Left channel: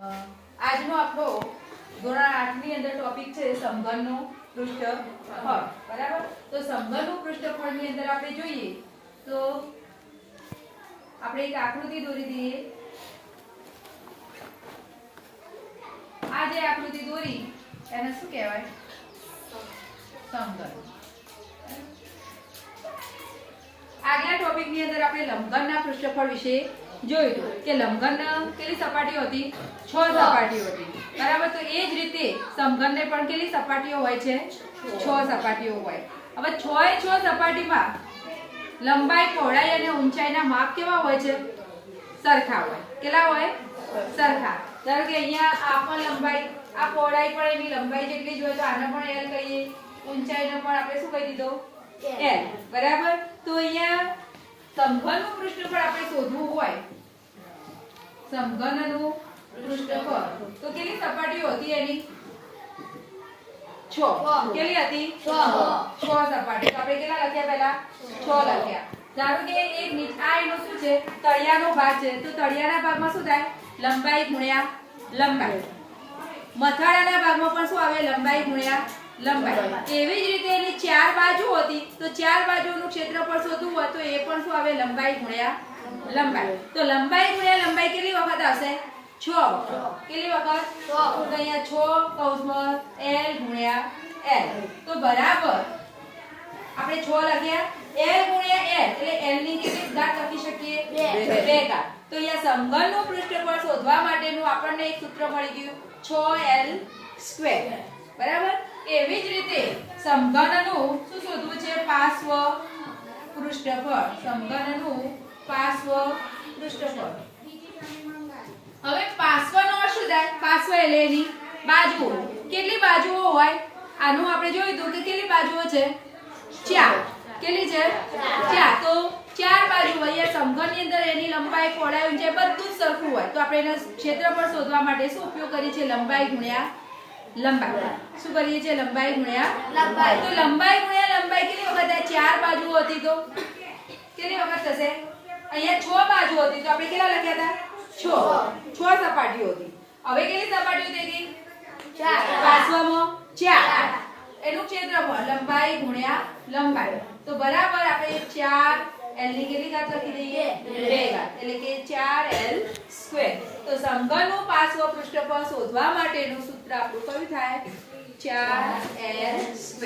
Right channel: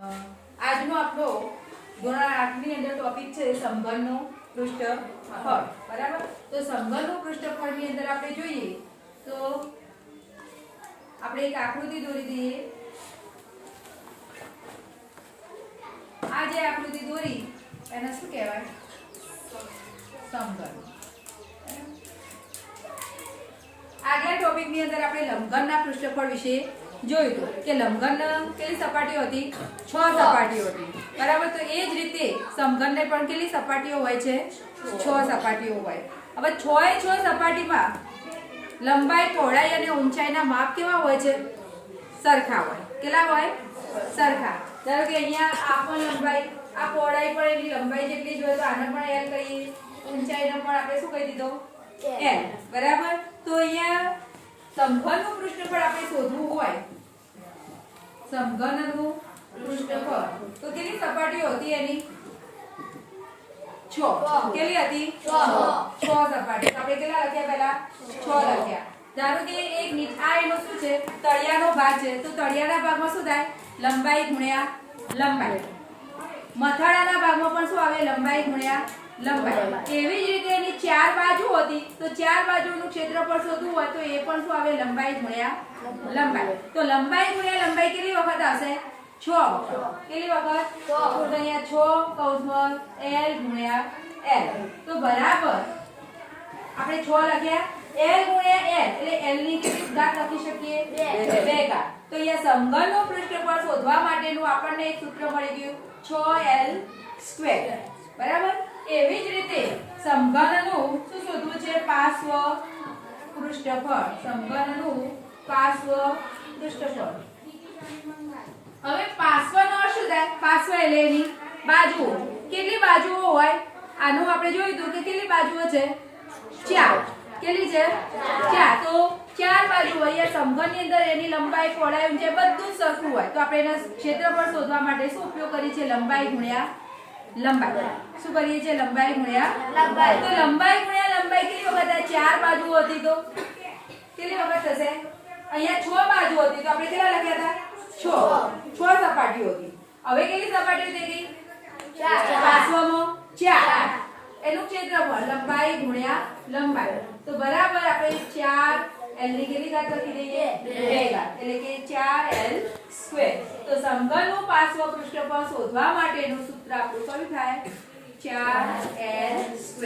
આજનો આપણો ધોરણ 8 ની અંદર ટોપિક છે સમઘનનો પૃષ્ઠફળ. બરાબર? તો સમઘનનું પૃષ્ઠફળ ની અંદર આપણે જોઈએ તો આપણે એક આકૃતિ દોરી દઈએ. આ જે આકૃતિ દોરી એને શું કહેવાય? સમઘન. આગલા ટોપિક ની અંદર આપણે લંબઘનના પૃષ્ઠફળ વિશે જોયું કે લંબઘન કેટલી સપાટીઓ હતી? 6 સપાટીઓ હતી. બરાબર? તો એ જ રીતે સમઘનને પણ કેટલી સપાટીઓ હોય છે? 6 સપાટીઓ હોય. હવે 6 સપાટીમાં લંબાઈ, પહોળાઈ અને ઊંચાઈના માપ કેવા હોય છે? સરખા હોય. કેટલા હોય? સરખા. ધારો કે અહીંયા આ પણ લંબાઈ, આ પહોળાઈ પણ એની લંબાઈ જેટલી જ હોય તો આને પણ L કહીએ. ઊંચાઈને પણ આપણે શું કહી દીધો? L. બરાબર? તો અહીંયા સમઘનનું પૃષ્ઠફળ આપણે શોધવું હોય, સમઘનનું પૃષ્ઠફળ તો કેટલી સપાટીઓ હતી એની? 6. કેટલી હતી? 6 સપાટી. આપણે કેટલા લખ્યા? પહેલા 6 લખ્યા. ધારો કે એક આ એનો શું છે? તળિયાનો ભાગ છે. તો તળિયાના ભાગમાં શું થાય? લંબાઈ ગુણ્યા લંબાઈ. મથાળાના ભાગમાં પણ શું આવે? લંબાઈ ગુણ્યા લંબાઈ. એવી જ રીતે એની 4 બાજુ હતી તો 4 બાજુનું ક્ષેત્રફળ શોધવું હોય તો એ પણ શું આવે? લંબાઈ ગુણ્યા લંબાઈ. તો લંબાઈ ગુણ્યા લંબાઈ કેટલી વખત આવશે? 6 વખત. કેટલી વખત? તો અહીંયા 6 કૌંસમાં L ગુણ્યા L. તો બરાબર આપણે 6 લખ્યા. L ગુણ્યા L એટલે L ની કેટલી ઘાત લખી શકીએ? 2 ઘાત. તો અહીંયા સમઘનનું પૃષ્ઠફળ શોધવા માટેનું આપણને એક સૂત્ર મળી ગયું, 6L². બરાબર? એવી જ રીતે સમઘનનું શું શોધવું છે? પાર્શ્વ પૃષ્ઠફળ. સમઘનનું પાર્શ્વ પૃષ્ઠફળ. હવે પાર્શ્વનો અર્થ શું થાય? પાર્શ્વ એટલે એની બાજુઓ. કેટલી બાજુઓ હોય? આનું આપણે જોયું હતું કે કેટલી બાજુઓ છે? 4. કેટલી છે? 4. તો 4 બાજુ હોય. સમઘનની અંદર એની લંબાઈ, પહોળાઈ, ઊંચાઈ બધું જ સરખું હોય તો આપણે એના ક્ષેત્રફળ શોધવા માટે શું ઉપયોગ કરીએ છીએ? લંબાઈ ગુણ્યા લંબાઈ. શું કરીએ છીએ? લંબાઈ ગુણ્યા લંબાઈ. તો લંબાઈ ગુણ્યા લંબાઈ કેટલી વખત થાય? 4 બાજુઓ હતી તો કેટલી વખત થશે? અહીંયા 6 બાજુ હતી તો આપણે કેટલા લખ્યા હતા? 6 સપાટીઓ હતી. હવે કેટલી સપાટીઓ થઈ? 4. પાર્શ્વમાં 4. એનું ક્ષેત્રફળ લંબાઈ ગુણ્યા લંબાઈ. તો બરાબર આપણે 4 L ની કેટલી ઘાત લખી દઈએ? 2 ઘાત. એટલે કે 4L². તો સમઘનનું પાર્શ્વ પૃષ્ઠફળ શોધવા માટેનું સૂત્ર આપણું કયું થાય? 4L².